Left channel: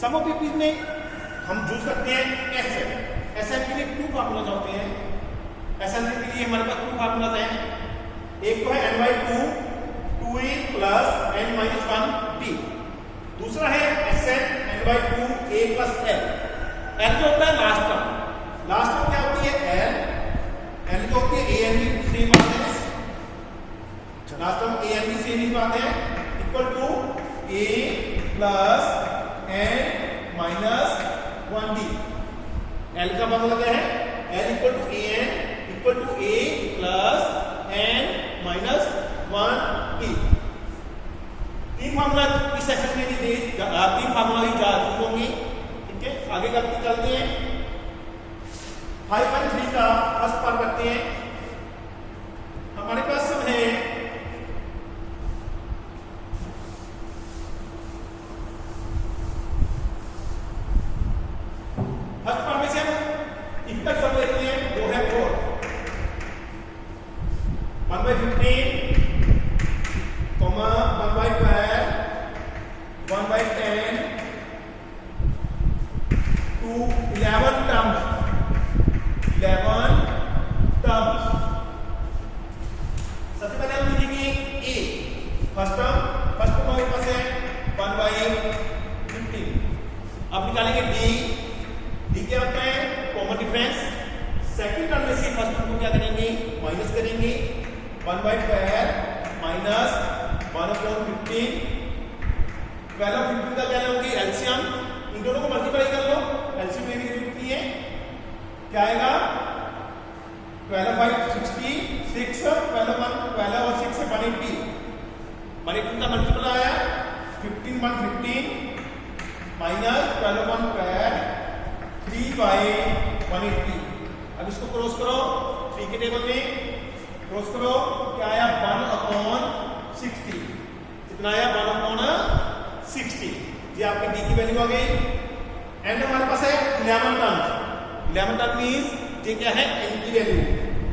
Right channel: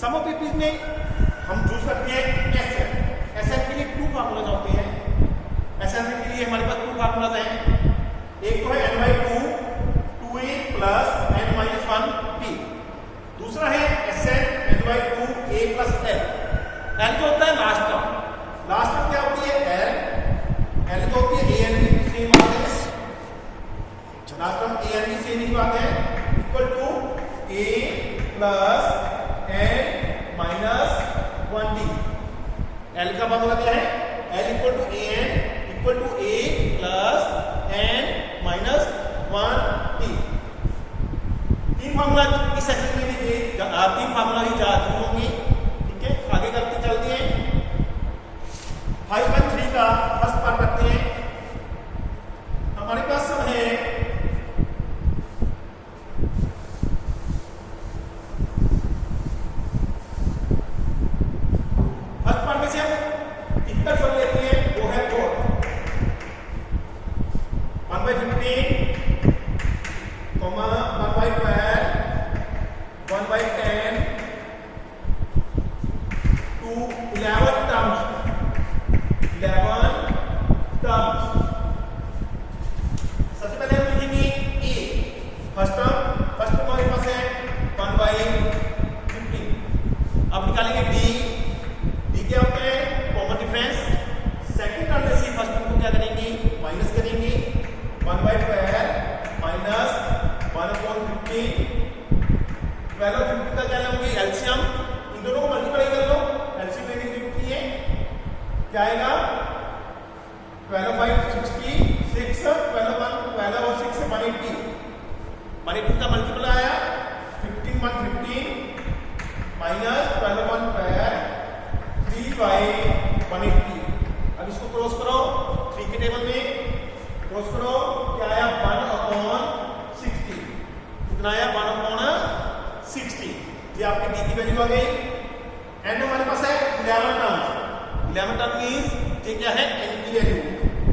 Some of PPs में हम use करते हैं एसएन। एसएन के लिए 2 फार्मूलाज होते हैं। एसएन के लिए हमारे पास 2 फार्मूलाज हैं। एक तो है n/2 2a प्लस n-1t, दूसरा है S n/2 a plus l। l जो होता है लास्ट टर्म, लास्ट टर्म क्या होती है l जो होती है a n भी सेम आते हैं, लास्ट टर्म a n भी सेम ही आते हैं, equal to a plus n-1t। l का फार्मूला क्या है l equal to a n equal to a plus n-1t। 3 formula इस सेक्शन में भी 3 फार्मूला ही याद होंगे। ठीक है, आगे करते चलते हैं। 5.3 का फर्स्ट पार्ट करते हैं। हमारे पास सब है फर्स्ट पार्ट में से हम इक्वल सब लेते हैं, वो है 4 1/15 1/12 1/10 to 11 terms। सबसे पहले हम लिखेंगे a, फर्स्ट टर्म हमारे पास है 1/15। अब निकालेंगे d क्या होता है कॉमन डिफरेंस। सेकंड टर्म में से फर्स्ट टर्म को क्या करेंगे माइनस करेंगे, 1/12 माइनस 1/15। 12 और 15 का क्या लोगे एलसीएम, इन दोनों को मल्टीप्लाई कर लो, एलसीएम लेने की जरूरत नहीं है। क्या आएगा 12/5 66, 12 और 6 से 180, 180 का मल्टीपल आया 15/15 माइनस 12/12 3/180। अब इसको क्रॉस करो 3 के टेबल में, क्रॉस करो क्या आया 1/60, कितना आया 1/60। ये आपकी डी की वैल्यू आ गई। एंड हमारे पास है 11 टर्म्स। 11 टर्म मींस ये क्या है एन की वैल्यू,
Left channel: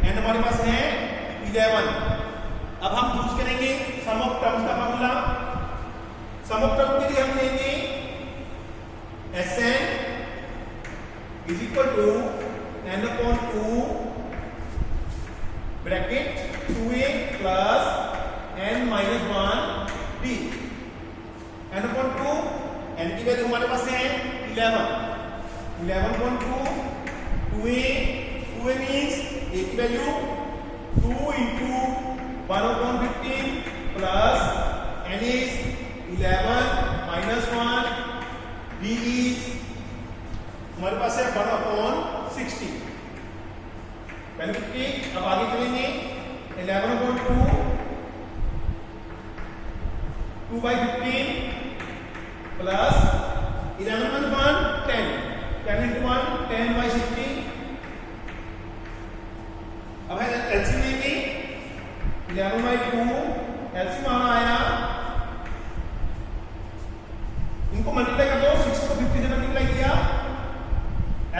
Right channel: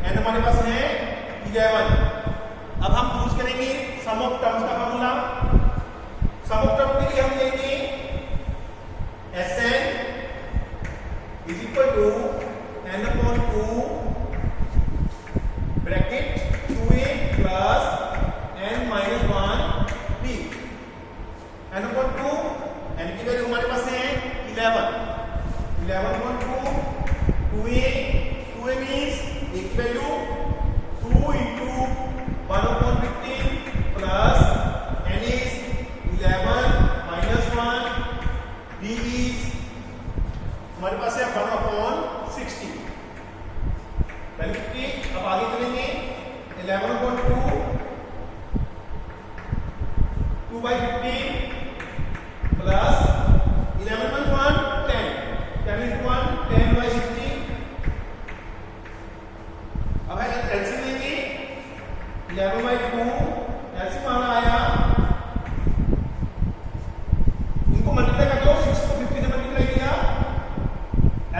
एंड हमारे पास है 11। अब हम यूज करेंगे सम ऑफ टर्म्स का फार्मूला। सम ऑफ टर्म के लिए हम लेंगे Sn is equal to n/2 bracket 2a plus n-1t। n/2 n की वैल्यू हमारे पास है 11, 11/2 2a मीन्स a की value 2 into 1/15 plus n is 11 minus 1, d is हमारे पास है 1/60 वैल्यू कितनी। अब आगे चलेंगे 11/2 2/15 प्लस 11/1 10, 10 into 1 10/60। अब है एलसीएम लेंगे 11/2, एलसीएम आना आया, इनको मल्टीप्लाई कर दो, 6 को 50 से मल्टीप्लाई किया,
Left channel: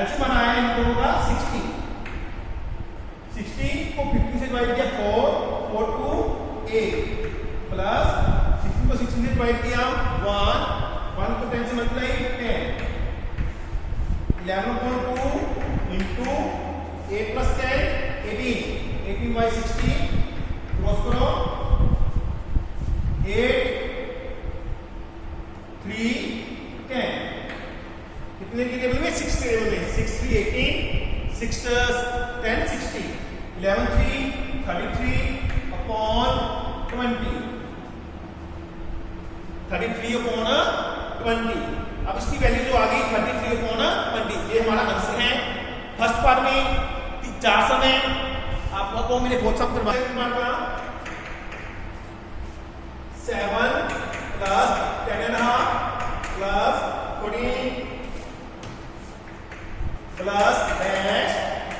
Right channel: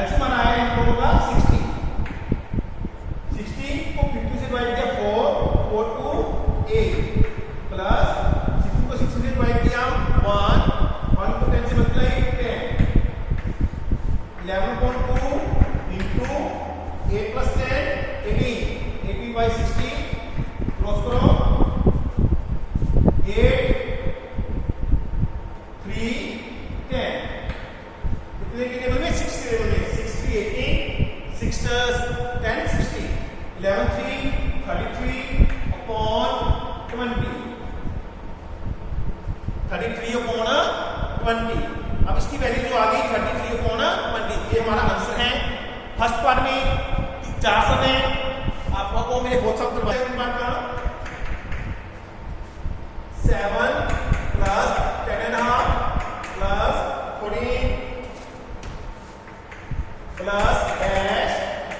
एलसीएम आना आया इनको होगा 60 को 50 से डिवाइड किया 4 to 8 प्लस 16 को 60 से डिवाइड किया 1 को 10 से मल्टीप्लाई 10, 11/2 into 8 plus 10 18/60 क्रॉस करो 8 3 10 कितने के टेबल में 6 के टेबल में 6 3 18 6 10 60 11 3 33/20 33/20। अब इसकी वैल्यू जो आ गई 33/20, ये हमारा आंसर है। फर्स्ट पार्ट में 4 सम है, आपको को मेरे बहुत सब करवाए पार्ट का 7 plus 10.5 plus 14 plus dash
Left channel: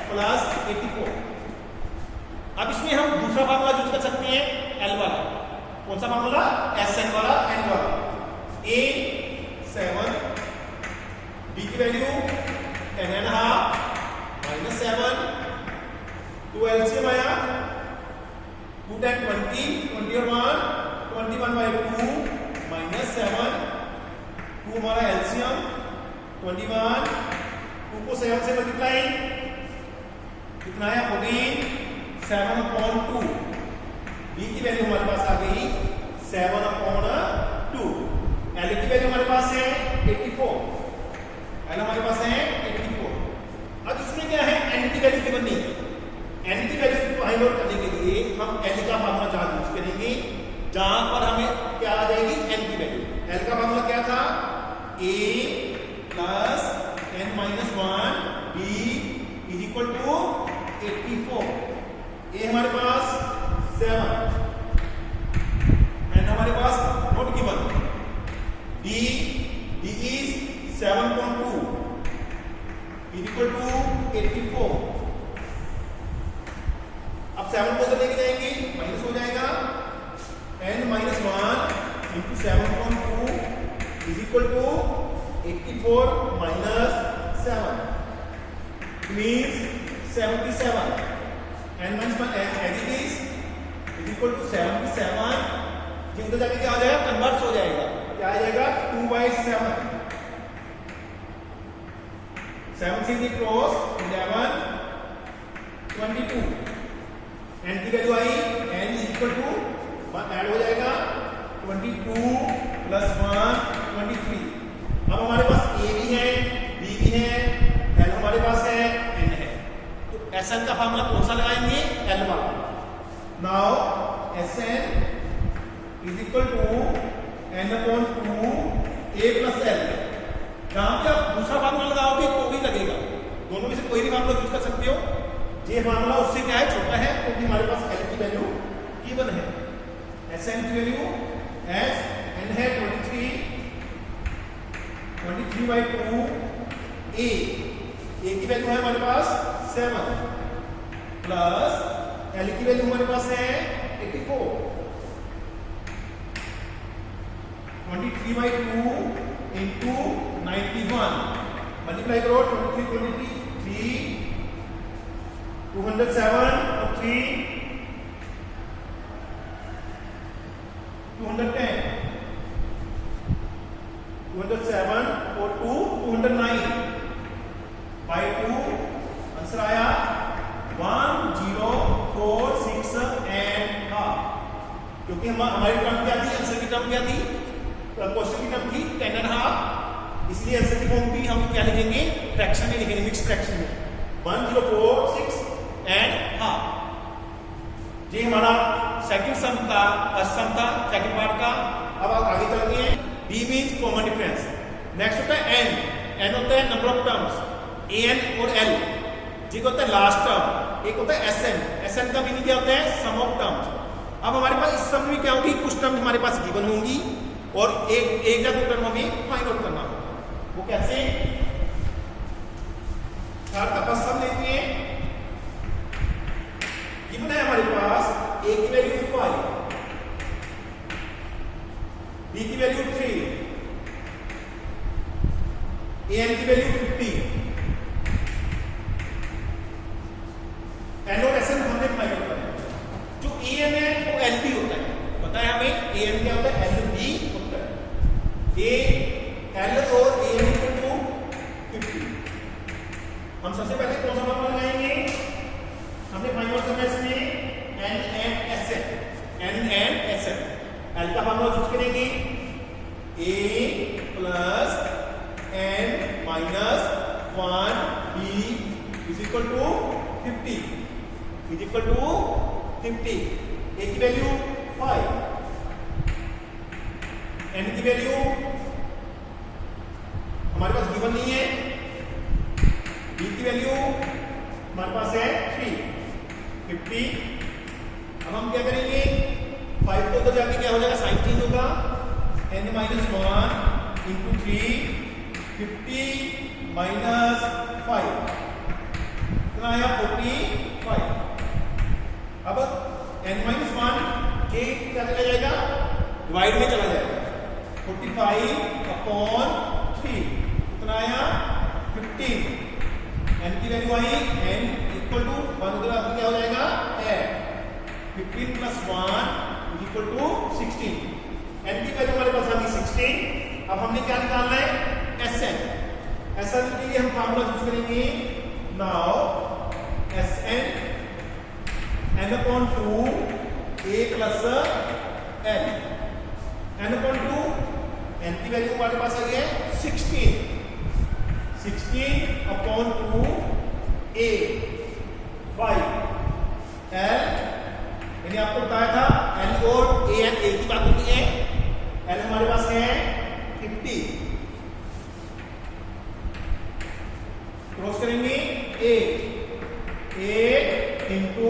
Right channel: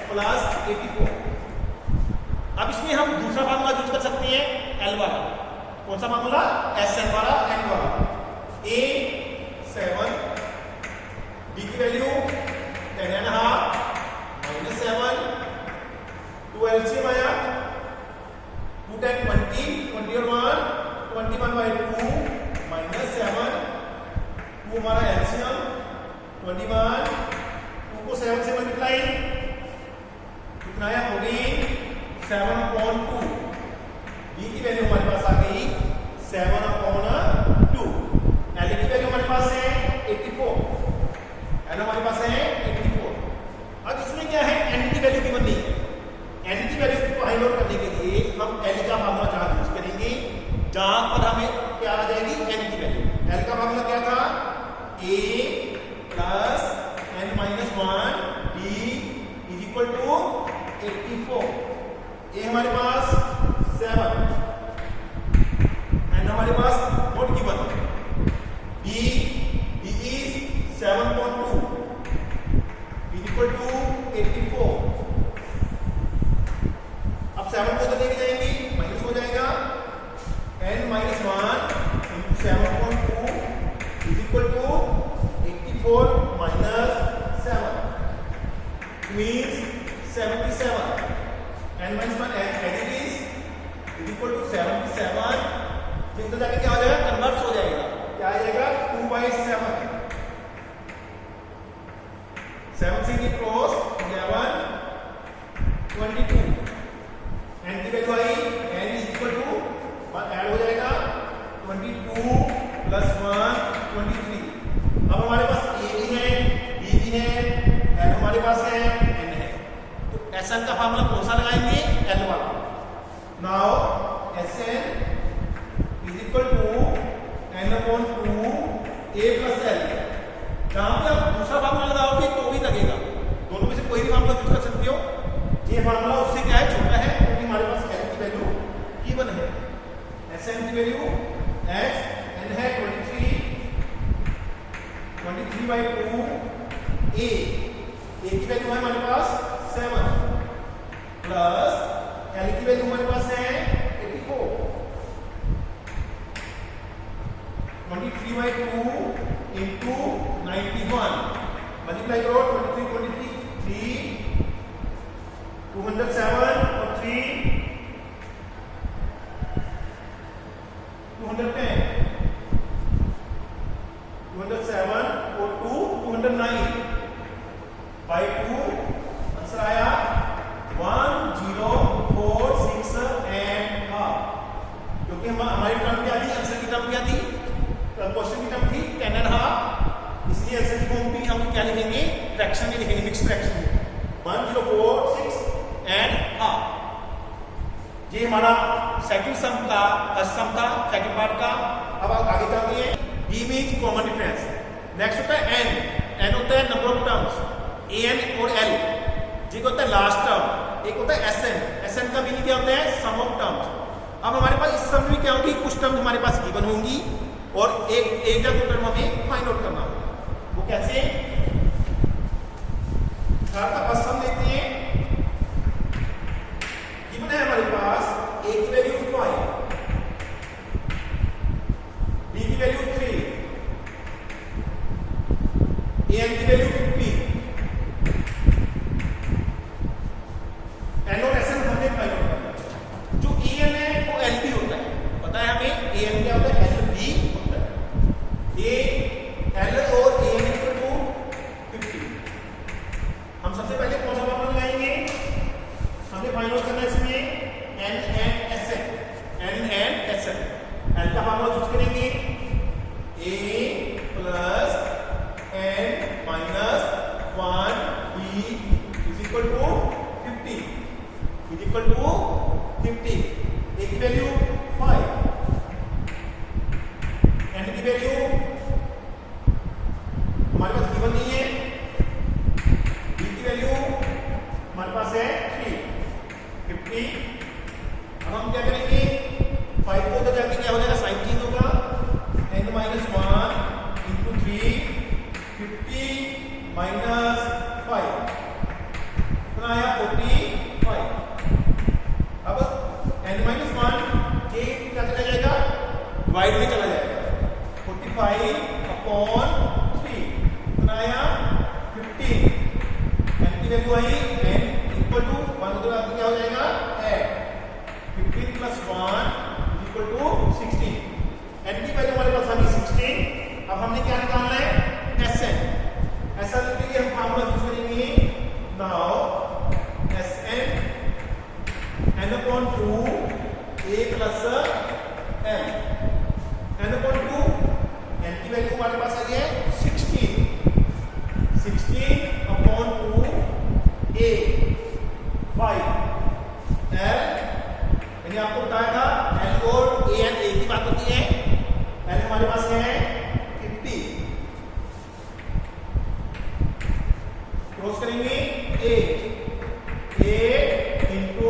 plus 84। अब इसमें हम दूसरा फार्मूला यूज कर सकते हैं एल वाला। कौन सा फार्मूला एसएन वाला एन वाला। ए 7 बी की वैल्यू 10.5 माइनस 7 2 एलसीएम आया 2 10 20 20 और 1 21/2 माइनस 7 2 2 हमारा एलसीएम 21, 2 को 7 से मल्टीप्लाई कितना आया 14, 7/2। बी की वैल्यू हमारे पास आ गई 7/2। एल की वैल्यू हमारे पास है 84, एल हमारे पास है 84। अब इसमें क्या है, एन की वैल्यू गिवन नहीं, एन की वैल्यू को फाइंड आउट करने के लिए हम एल का फार्मूला जहां यूज करेंगे जहां पर हमें क्या आ जाएगी एन की वैल्यू। एल का फार्मूला क्या था, a plus n minus 1 b is equal to 84। a हमारे पास 7, n हमारे पास not given, b is 7.2 is equal to 84। अब 7 को तो लेके जाएंगे माइनस हो जाएगा, n minus 1 into 7.2 is equal to 84 minus 7 means 77। n minus 1 as it is equal to 77। जी उधर जाके क्या हो जाएगा, कन्वर्ट हो जाएगा, क्या आ जाएगा 2/7। 7 से क्रॉस 11 22। n की वैल्यू आई n is equal to add हो जाएगा 22 प्लस 1 23। अब हमारे पास a भी है b भी है l हमारे पास है n है, तो Sn का फार्मूला कौन सा लगाएंगे, l वाला। Now Sn is equal to n/2 a plus l। जहां पे आप दूसरा फार्मूला लगाओगे तो भी लगेगा, दोनों में से कोई भी फार्मूला यूज कर सकते हो। ये फार्मूला उससे क्या है, छोटा है, क्योंकि हमारे पास l की वैल्यू गिवन है। Sn की वैल्यू एस n है 23/2 a की वैल्यू है हमारे पास 7 प्लस l की वैल्यू हमारे पास है 84। 23/2 इंटू 91 मल्टीप्लाई करो 23 207 और 3 210, 207 और 2 209 बाई 2 आंसर आया 1046 एंड हाफ। क्योंकि हमारी टर्म क्या थी, आंसर की टर्म क्या थी, क्वेश्चन की टर्म थी 10.5, इसलिए आंसर की फॉर्म भी हम क्या लिखेंगे, फ्रैक्शन में लिखेंगे, मिक्स फ्रैक्शन में 1046 एंड हाफ। ये हमारा सेकंड सम था, फर्स्ट सम था सेकंड पार्ट का। अब आप आगे चलते हैं, b means common difference. Next होता है n, n होता है नंबर ऑफ टर्म्स, an और l। जी होता है लास्ट टर्म, एक होता है sn, sn का मीनिंग क्या होता है, सम ऑफ टर्म्स। अब हमारे पास इस सम में क्या होगी, कुछ टर्म्स हमारे पास गिवन होंगी और एक या दो टर्म हमें फाइंड आउट करना होगा। वो कैसे, फर्स्ट सम लेते हैं, गिवन है हमारे पास a की वैल्यू 5, b की वैल्यू 3, an की वैल्यू 50। n और sn हमने फाइंड आउट करना। जो an है वो lb होता है, पता है हमें an क्या होता है, lb होता है। a l और an इक्वल टू 50। हम सबसे पहले कौन सा फॉर्मूला लगाएंगे, हमें फाइंड आउट करना है इसमें n and sn। l का फॉर्मूला यूज करेंगे a plus n minus 1 b is equal to 50 is equal to 50। a की वैल्यू 5, n की वैल्यू हमारे पास गिवन नहीं है, b की वैल्यू हमारे पास है 3 50। अब हम क्या करेंगे, 5 को तो जाके क्या हो जाएगा, साइन चेंज होगा, n माइनस 1 इंटू 3 50 माइनस 5 कितना आया 45। अब n माइनस 1 के क्या चला जाएगा, डिवाइड में चला जाएगा, 45/3 कितना आया 15। n की वैल्यू आई n इक्वल टू 1 क्या हो जाएगा, 15 प्लस 1 इक्वल टू 16। n की वैल्यू हमारे पास आ गई 16। अब हमने क्या निकालना है, Sn। Sn के लिए हम फार्मूला यूज करेंगे, now Sn n/2 a plus n, n/2, n की वैल्यू हमारे पास आ गई है 16, 16/2 a 5 l, यानी आपको बताया था l और a n एक ही बात होती है। l हमारे पास है 50, क्रॉस करेंगे 8 इंटू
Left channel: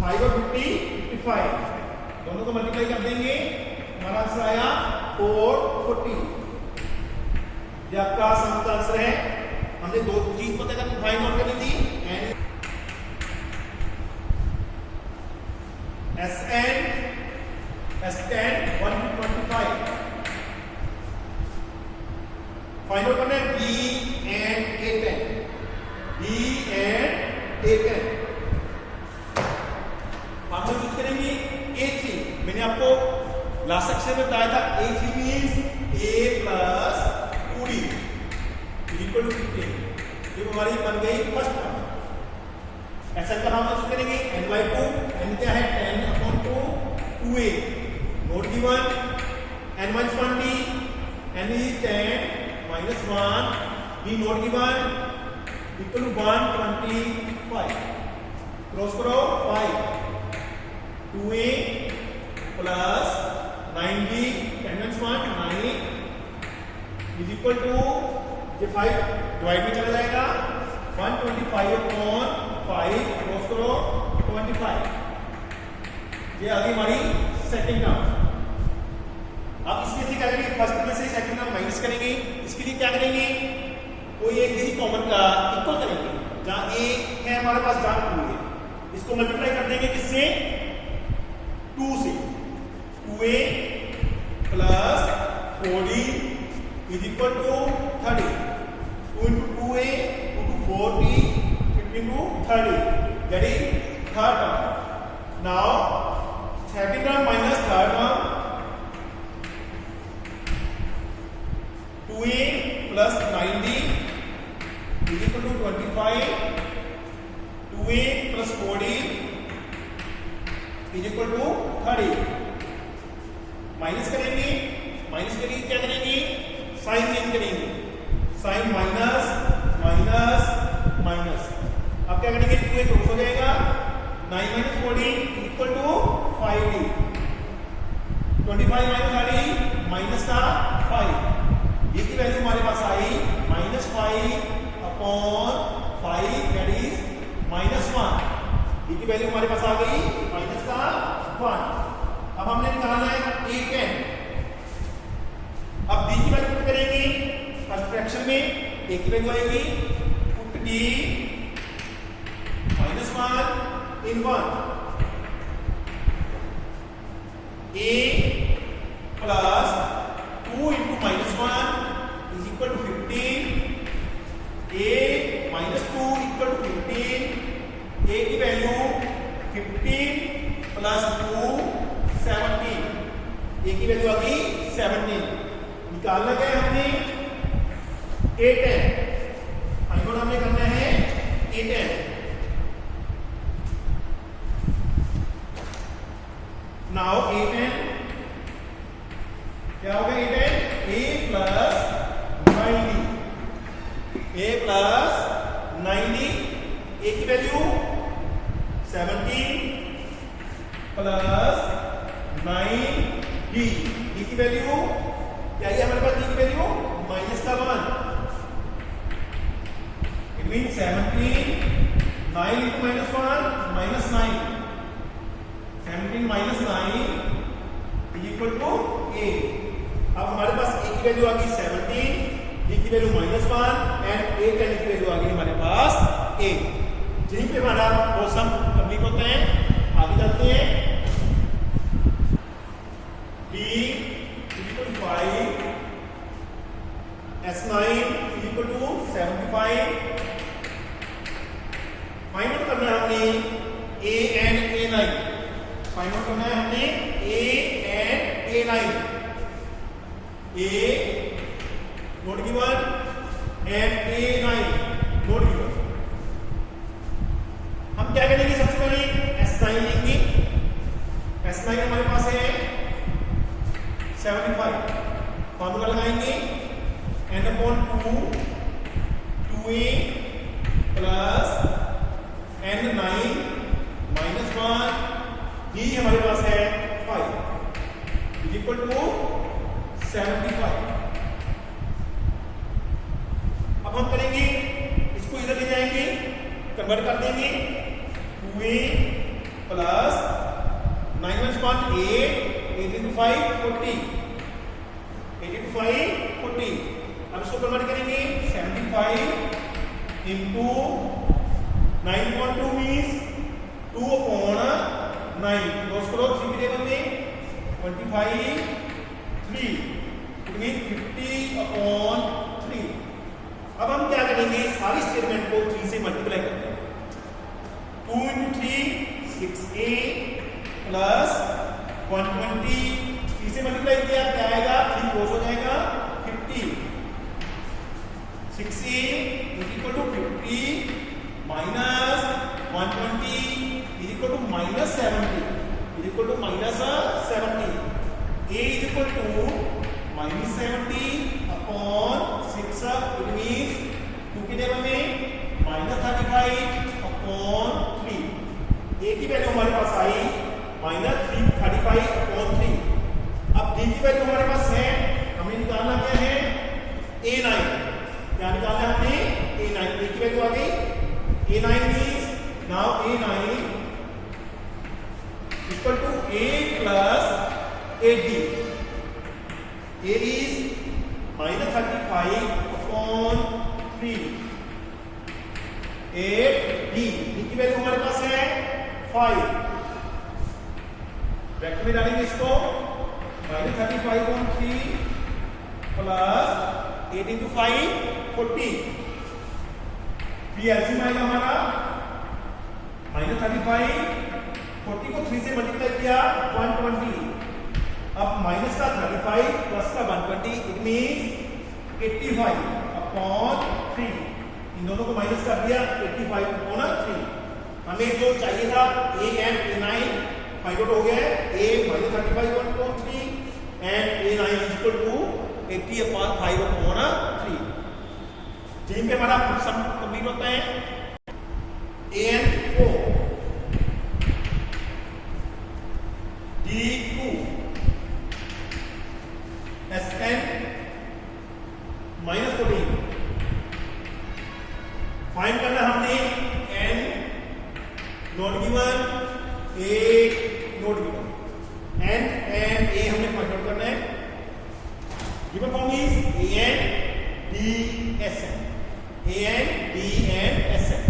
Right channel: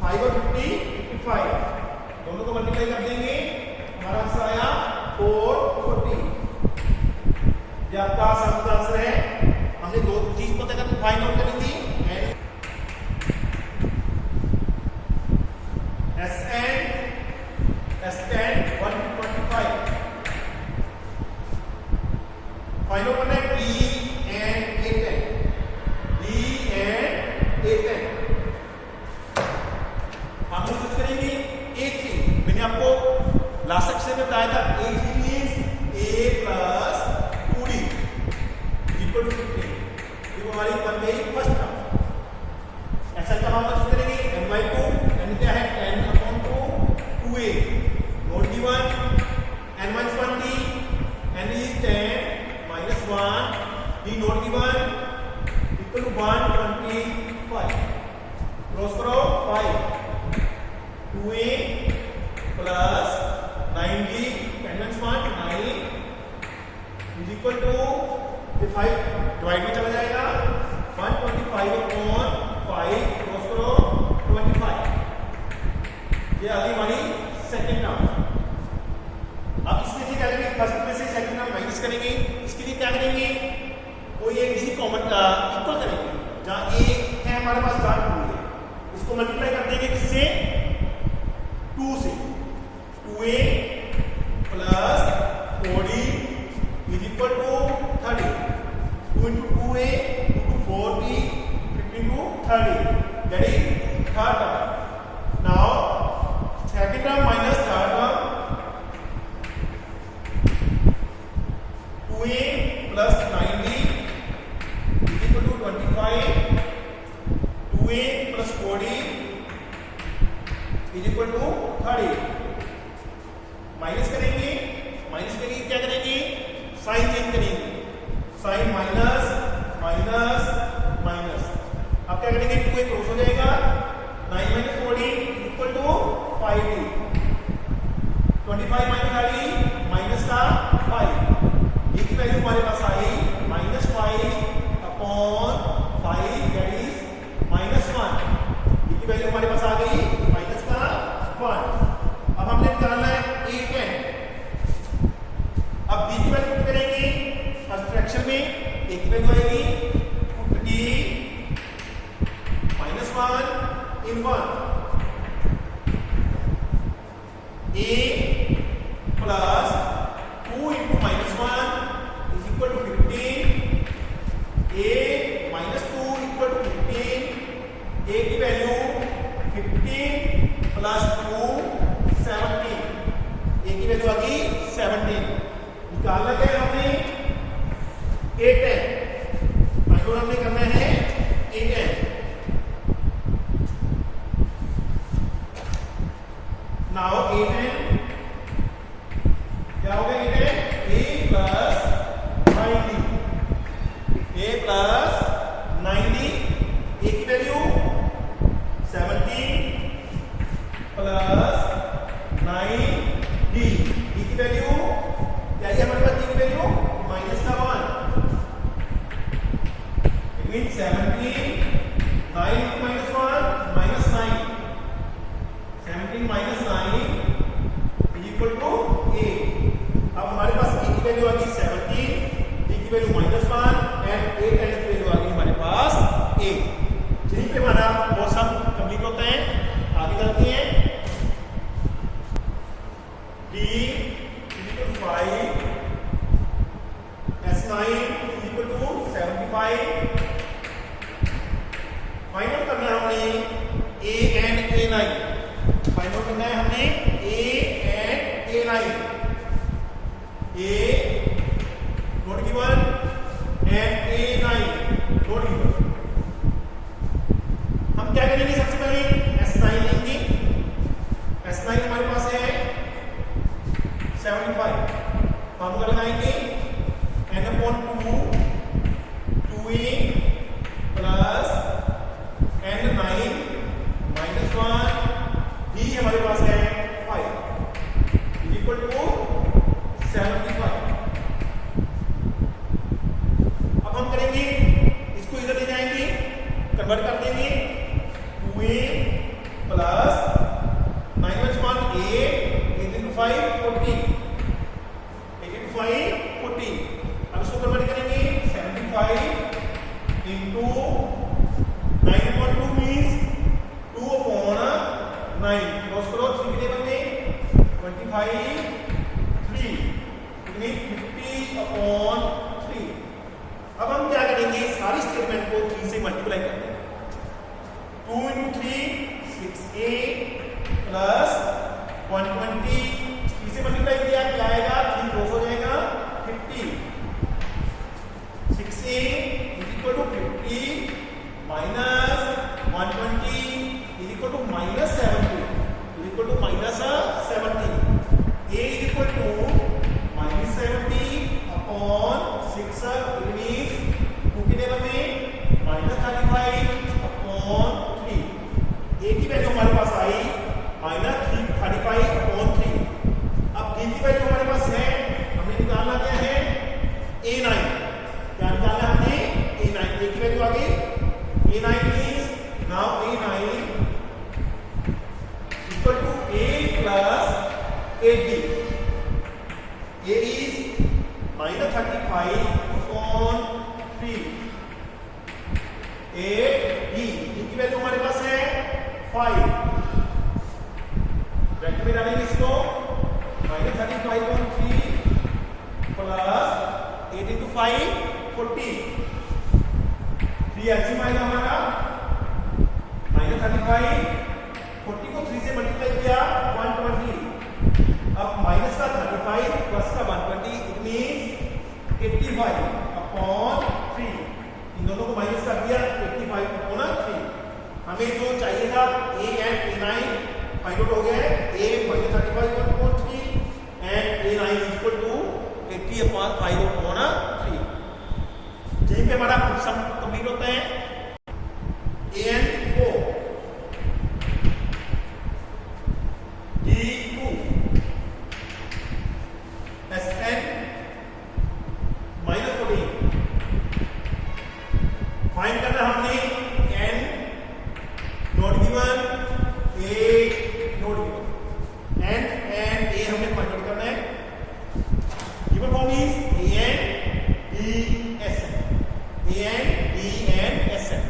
5 और 50 55, दोनों को मल्टीप्लाई कर देंगे, हमारा आंसर आया 440। ये आपका सम का आंसर है। हमने दो चीज पता करके फाइंड आउट करी थी, Sn 1 to 25, फाइंड आउट करना है B and A10, B and A10। हम यूज करेंगे A3। मैंने आपको लास्ट सेक्शन में बताया था A3 means A plus 2D equal to 15। ये हमारी बन गई फर्स्ट टर्म। ऐसा का हम यूज करेंगे n/2, n क्या है 10/2 2a, note given n-1d, n is 10 minus 1, d note given equal to 125, cross करो 5, 2a plus 9d, 10-1 9 is equal to, ये 5 डिवाइड में चला जाएगा, 125/5, क्रॉस करो 25। ये आ गई हमारी सेकंड टर्म। अब इसमें से क्या करेंगे, फर्स्ट में से सेकंड टर्म माइनस करेंगे। इसके लिए क्या करेंगे, कोई एक ही कॉमन इक्वल करेंगे, जहां a है हमारे पास, जहां 2 है, इसको मल्टीप्लाई कर देंगे किससे, 2 से, 2a plus 4d is equal to 30, 2 into 2a 2 to 4d 15 to 30, that is third term। now second term minus third term, 2a plus 9d is equal to 25, 2a plus 4d is equal to 30। Minus करेंगे, minus के लिए क्या करेंगे, sign change करेंगे, sign minus minus minus. अब क्या करेंगे, 2a cross हो जाएगा, 9 minus 40 equal to 5d, 25 minus 30 minus का 5, ये की वैल्यू हमारे पास आई -5/5, दैट इज -1। ये की वैल्यू हमारे पास आ गई माइनस का 1। अब हमने निकालना है A10। अब b की वैल्यू पुट करेंगे फर्स्ट फ्रैक्शन में, a की वैल्यू आएगी put d -1 in 1, a plus 2 into -1 is equal to 15, a minus 2 equal to 15, a की वैल्यू 15 plus 2 17, a की वैल्यू आ गई 17। निकालना क्या है हमने, A10, फाइंड हमने करना है A10। नाउ A10 क्या होगा, A10 a plus 9d, a plus 9d, a की वैल्यू 17 प्लस 9d, d की वैल्यू क्या है हमारे पास, d की वैल्यू माइनस का 1, it mean 17 9 into -1 -9, 17 minus 9 is equal to 8। अब हमारे पास a की वैल्यू आ गई 17, d की वैल्यू -1 एंड A10 की वैल्यू आ गई हमारे पास 8। यहीं पे हमारा वो सम कंप्लीट होते हैं। आगे चलते हैं, d equal to 5, S9 equal to 75। Find out करना है हमने a and A9, find out करना है हमने a and A9। A not given and A9 not given। हम क्या करेंगे सबसे पहले S9 लेंगे। S9 हमारे पास है 75, फॉर्मूला लगाएंगे n/2 2a plus n9 -1 d हमारे पास है 5 इक्वल टू 75। अब हम करेंगे इसको इधर ले जाएंगे, कन्वर्ट कर देंगे 2a प्लस 9 - 1 8 into 5 40 85 40। अब इसको कन्वर्ट करेंगे 75 into 9/2 मीन्स 2/9 क्रॉस करो 3 के टेबल में 25 3 इट मीन्स 50/3। अब हम क्या करेंगे सारी स्टेटमेंट को 3 से मल्टीप्लाई करते हैं। 2 into 3 6a प्लस 120 3 से मल्टीप्लाई किया क्या आएगा 3 क्रॉस हो जाएगा 50 6a equal to 50 minus 120 equal to -70 equal to -70। a equal to -70/6 it means 2 के टेबल में -35/3। a की वैल्यू हमारे पास आई -35/3। अब d की वैल्यू हमारे पास है, हमने निकालना क्या है a9। क्या निकालना है हमने a9। a की वैल्यू आ गई a9 means now a9 equal to a plus 80। a is -35/3 8d की वैल्यू हमारे पास है 5। ब्रैकेट में डालेंगे इसको -35/3 प्लस 8 into 5 40। 3 एलसीएम आएगा हमारा -35 40 को 3 से मल्टीप्लाई किया 120। अब माइनस का 35 प्लस का 120 इट मींस 85/3। इन दोनों को माइनस कर दिया 85/3। हमें जो चाहिए था a and a9 find out हो गया। a -35/3 and a9 is equal to 80/5/3। यहीं पे हमारा सम कंप्लीट होता है। an 4 d2 sn -14 फाइंड करना हमने n not given a not given n and a हमने फाइंड आउट करना है। Given form is an d sn an d and sn।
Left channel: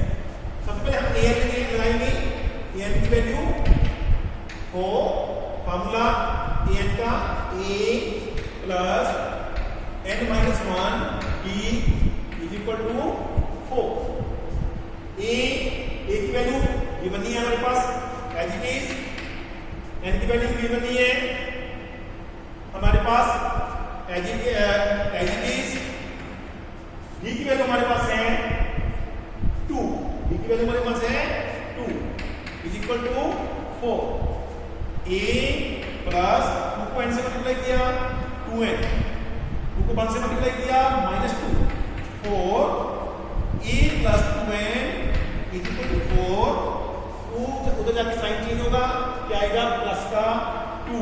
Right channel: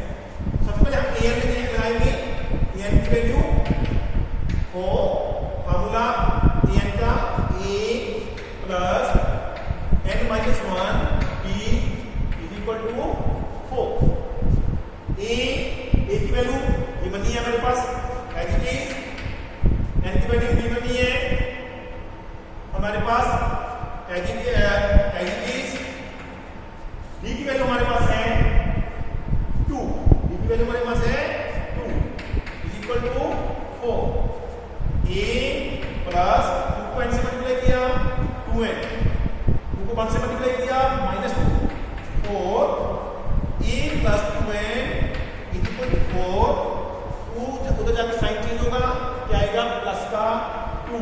सबसे पहले हम an लगाएंगे। an की वैल्यू को फॉर्मूला an का a plus n-1 b is equal to 4। a की वैल्यू गिवन है हमारे पास एज इट इज। n की वैल्यू गिवन है हमारे पास एज इट इज। d की वैल्यू हमारे पास है 2। d की वैल्यू हमारे पास है 2 is equal to 4। a plus 2 को n से मल्टीप्लाई किया 2n 2 को 1 से मल्टीप्लाई किया -2 4 a plus 2n is equal to 4। 2 उधर जाके साइन चेंज होगा क्या आएगा प्लस का 2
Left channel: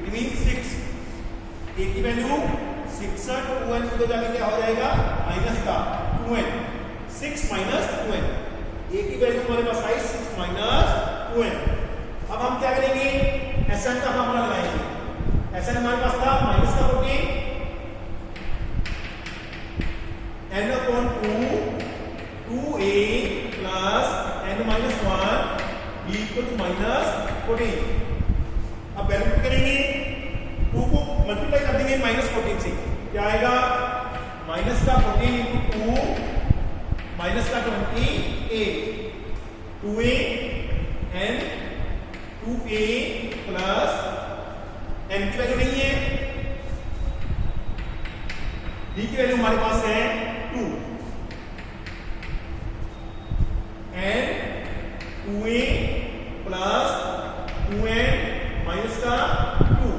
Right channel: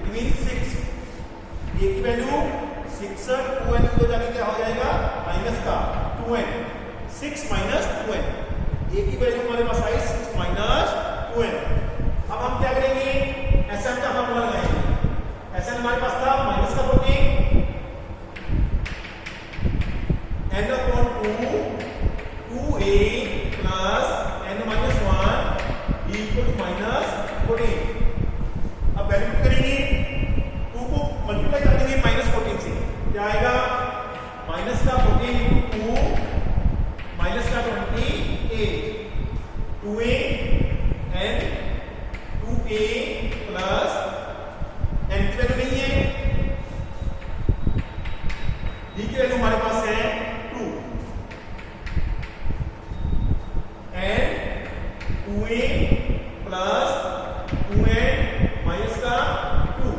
इट मींस 6। a की वैल्यू 6 2n को जाके क्या हो जाएगा माइनस का 2n 6 माइनस 2n। a की वैल्यू हमारे पास आई 6 माइनस 2n। अब हम क्या करेंगे SN का फॉर्मूला लगाएंगे। SN हमारे पास था माइनस का 14 n/2 2a plus n-1 equal to -14। अब वैल्यू करेंगे 2 को मल्टीप्लाई कर देंगे -14 से क्या आएगा माइनस का 14 into 2 माइनस का 28 2a and 2a plus n की वैल्यू नहीं है वैल्यू हमारे पास है 2 N 2a plus 2n minus का 2।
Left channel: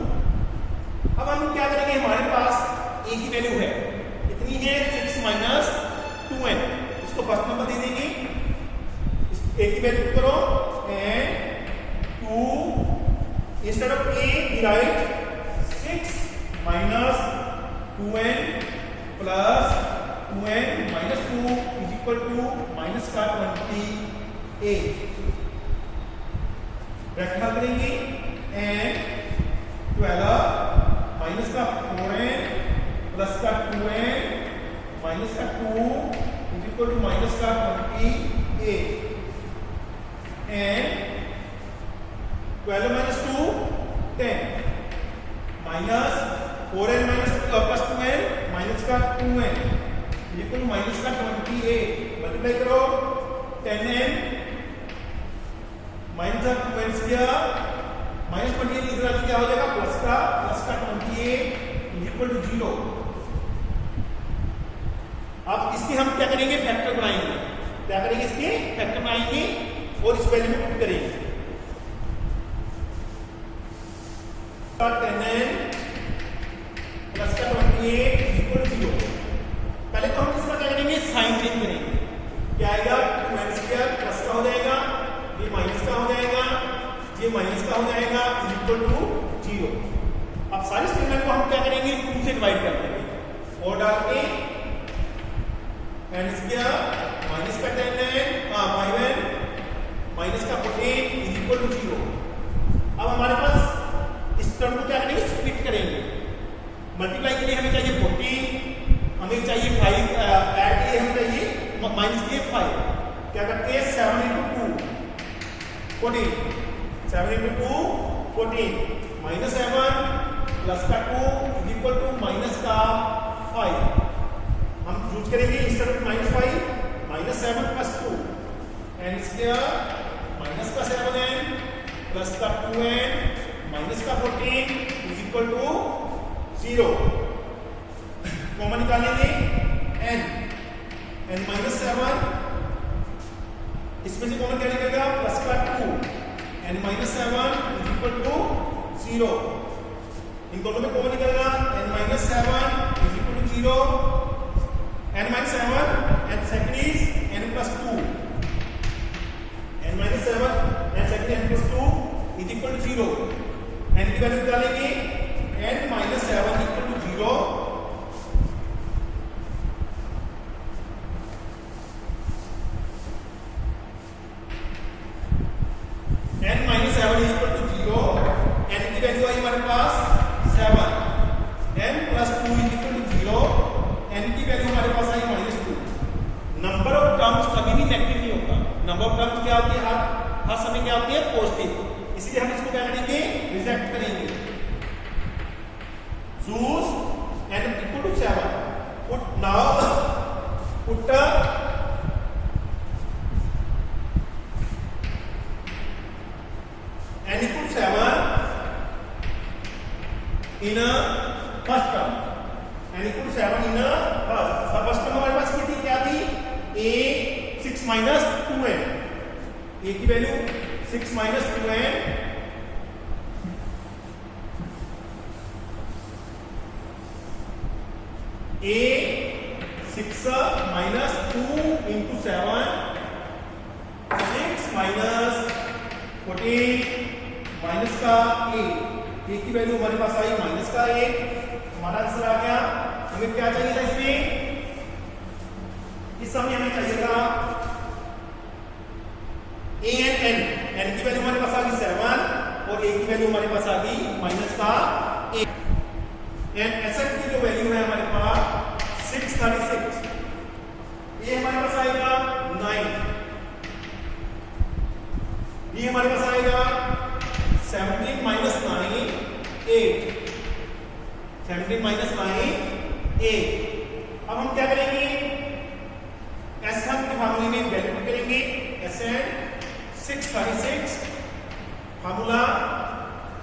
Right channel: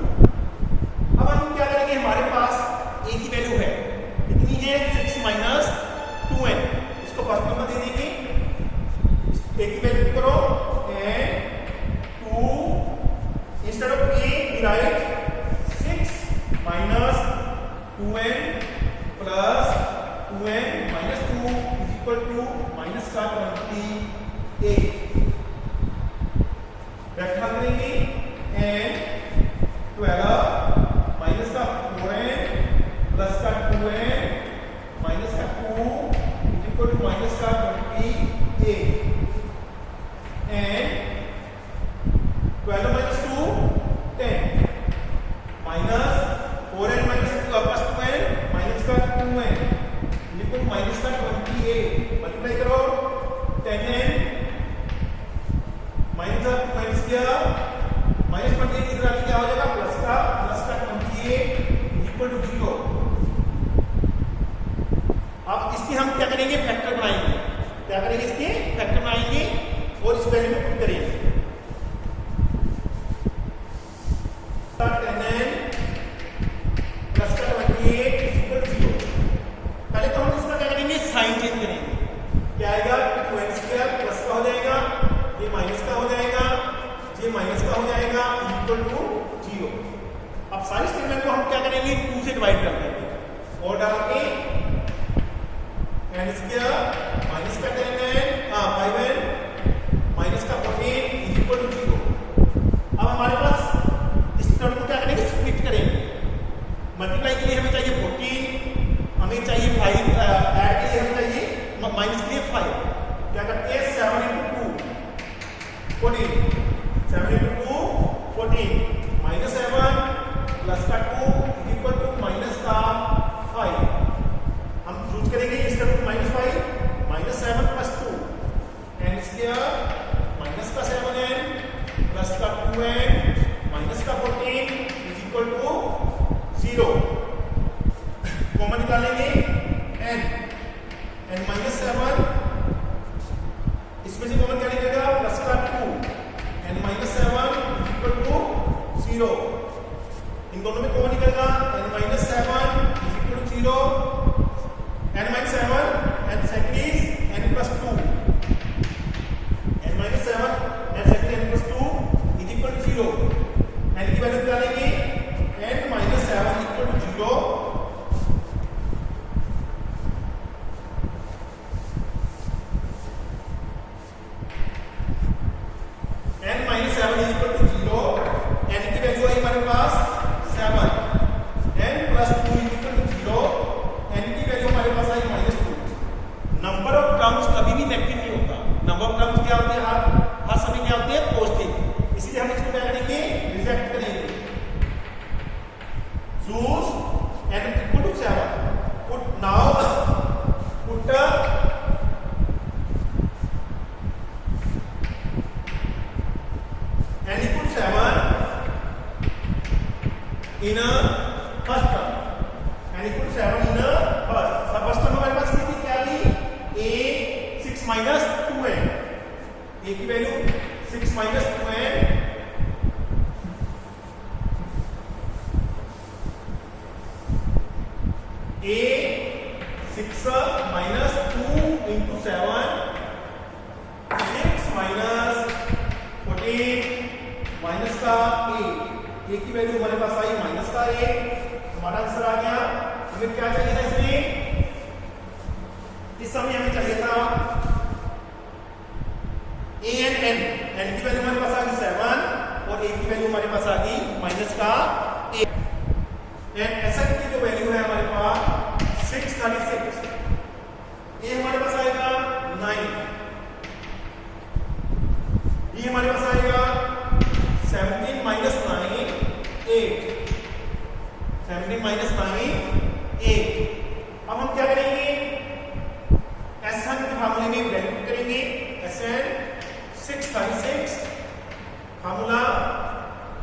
अब हम क्या करेंगे, हमारे पास a की वैल्यू है कितनी है 6 माइनस 2n, इसको फर्स्ट नंबर दे देंगे, a की वैल्यू करो n 2 instead of a right 6 minus 2n plus 2n minus 2 is equal to minus का 28। रेक्टेंगल करेंगे एन 12 माइनस का 4n प्लस का 2n माइनस का 2 इज इक्वल टू माइनस का 28 and 12 minus 2 10 minus 4n minus plus 2n minus का 2n equal minus का 28 multiply करो 10n minus का 2n स्क्वायर माइनस 28 इधर क्या हो जाएगा प्लस का 28 इक्वल टू 0। अब इसके हम क्या करेंगे फैक्टर बनाएंगे, क्या करेंगे इसके फैक्टर बनाएंगे और इस वैल्यू को पुट करेंगे 10n प्लस का 28 इक्वल टू 0। पहले तो हम इसका क्या करेंगे साइन चेंज करेंगे, क्या आएगा 2n स्क्वायर प्लस का हो जाएगा, ये माइनस का हो जाएगा, ये माइनस का हो जाएगा इक्वल टू 0। अब सारी स्टेटमेंट को हम क्या करेंगे 2 से डिवाइड कर देंगे और डाल के n स्क्वायर माइनस का 10n 5n माइनस का 14 इक्वल टू 0। अब हमारे पास इस टर्म को क्या करेंगे स्प्लिट करेंगे, मल्टीप्लाई के लिए हमें चाहिए 14, हमें चाहिए 5, ऐड के लिए हमें चाहिए माइनस के लिए 5, क्या करते हैं 7 into 2 14 7 into 2 14 माइनस 7 प्लस का 2 इक्वल टू माइनस का 5। हम यूज करेंगे instead of minus 5 minus 7 plus 2 n square minus का 7n प्लस का 2n माइनस का 14 इज इक्वल टू 0। कॉमन निकालेंगे n माइनस 7 इसमें से कॉमन क्या निकलेगा प्लस का 2 n minus 7 is equal to 0। इन दोनों में कॉमन निकलेगा n minus 7 is equal to 0, n minus 7 and second is n plus 2, n minus 7 and second n plus 2 is equal to 0। n की वैल्यू निकालेंगे n minus 7 equal to 0, n minus 7 is equal to 0, n की value आई हमारे पास 7, n plus 2 is equal to 0, n की value हमारे पास आई -2। Number of terms कभी भी negative नहीं होता, नंबर ऑफ टर्म्स क्या होते हैं हर समय क्या होते हैं पॉजिटिव, इसलिए हम इसको क्या करेंगे रिजेक्ट करेंगे। Choose n equal to 7, put now put n equal to 7 in a first term, n equal to 7 in a first term हमारे पास कितनी क्या थी a 6 minus 2n, a की value 6 minus 2n a 6 minus 2 into 7 6 minus 14 minus का 8, a की value हमारे पास आई minus का 8, हमारा आंसर आ गया। हमें क्या चाहिए था इसमें, इस समय हमें चाहिए था a and n की वैल्यू हमारे पास आ गई 7 और a की वैल्यू हमारे पास आ गई माइनस का 8 एंड sn की जो वैल्यू है हमारे पास 636, a हमारे पास आएगा 9, b हमारे पास आएगा 17 minus 9 8, 17 minus 9 8। अब हम क्या करेंगे Sn के फार्मूले में वैल्यू करेंगे, Sn 636 formula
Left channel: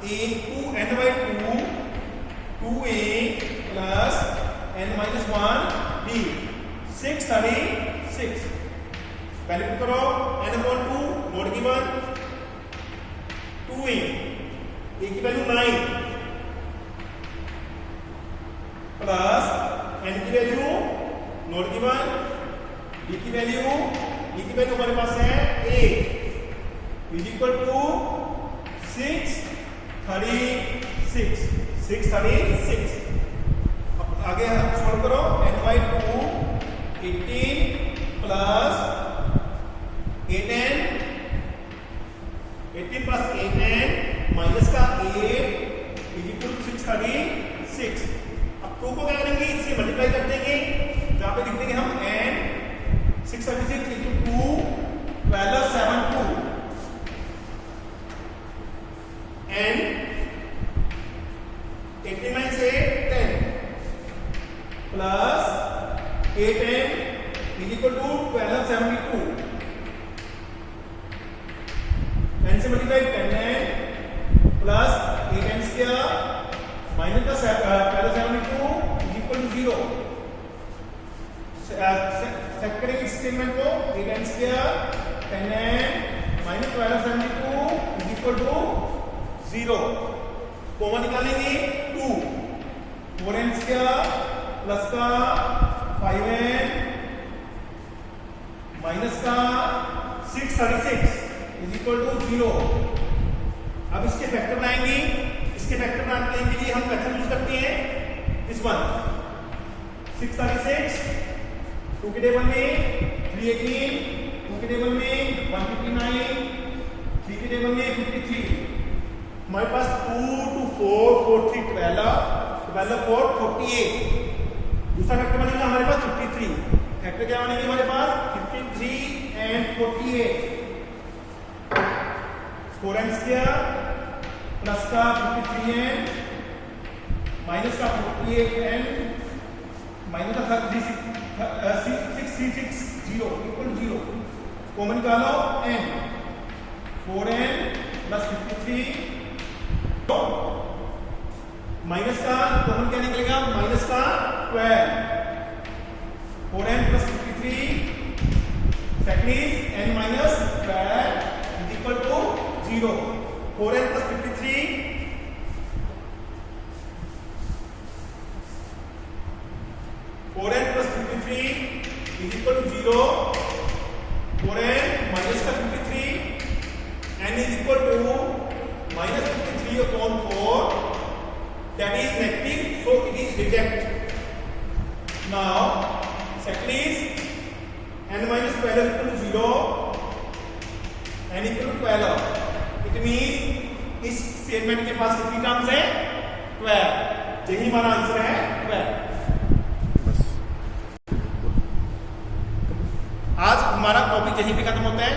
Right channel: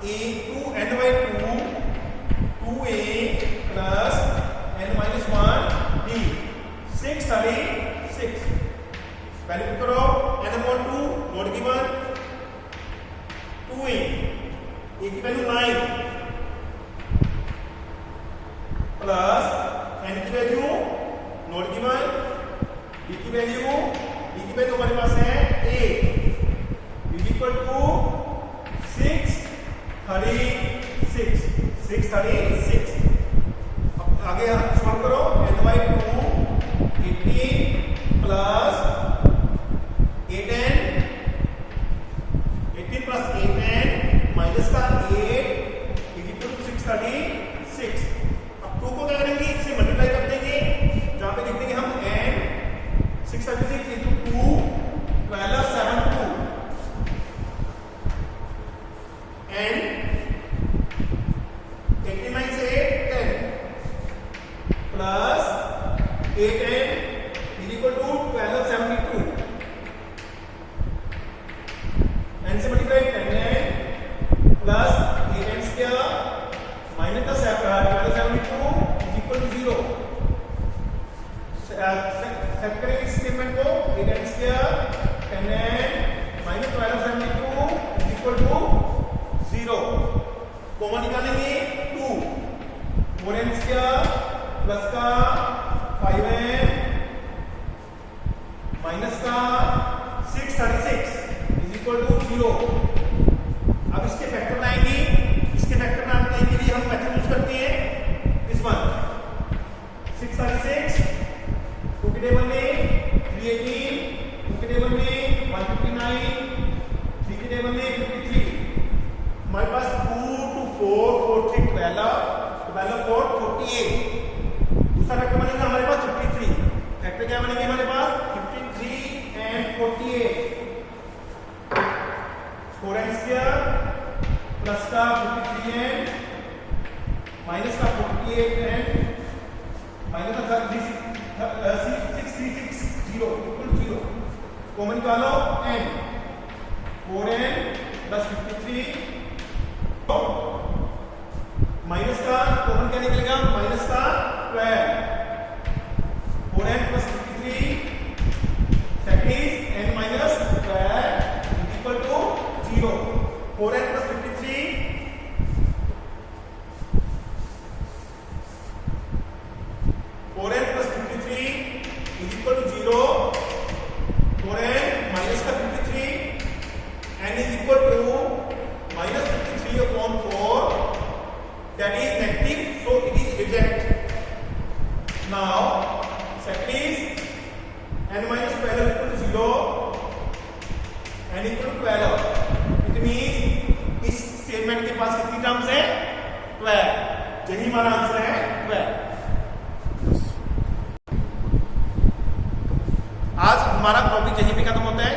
a2 n by 2 2a plus n minus 1 636 पहले भी करो n/2 note given 2a a की वैल्यू 9 प्लस n की वैल्यू नोट गिवन b की वैल्यू हमारे पास है 8 इज इक्वल टू 636 अब आगे सॉल्व करो n/2 18 plus 8n 18 plus 8n minus का 8 इज इक्वल टू 636। अब 2 को क्या करेंगे, इससे मल्टीप्लाई कर देंगे, जहां पे लिख देंगे हम n 636 इंटू 2 12 7 2 n 89 से 10 plus 8n is equal to 1272 n से multiply 10n plus 8n square minus का 1272 इज इक्वल टू 0। सेट करेंगे इस स्टेटमेंट को 8n square 10n minus 1272 is equal to 0। Common निकालेंगे 2 4n स्क्वायर प्लस का 5n minus का 636 is equal to 0। अब इसके फैक्टर लाएंगे, इसके फैक्टर लाने के लिए हम मेथड यूज करते हैं इस वन 636 2 के टेबल में 318 2 के टेबल में 159 3 के टेबल में 53 हमारे पास 2 2 4 4 3 12 4 48 दूसरा फैक्टर बनेगा हमारे पास 53 फैक्टर क्या बनेंगे हमारे पास 53 एंड 48 4n स्क्वायर प्लस का 53n माइनस का 48n माइनस का 636 0 इक्वल 0। कॉमन निकालो n 4n प्लस 53 माइनस का कॉमन क्या निकलेगा माइनस का 12 4n plus 53 second is n minus 12 is equal to 0। 4n plus 53 4n plus 53 is equal to 0। 4n minus का 53 n is equal to minus 53 upon 4 that is negative, so it is rejected. Now second is n minus 12 equal to 0 n equal to 12 it means इस statement के पास कितनी terms है 12। यही हमारा answer है 12। आज हमारा टॉपिक यहीं पे खत्म होता है।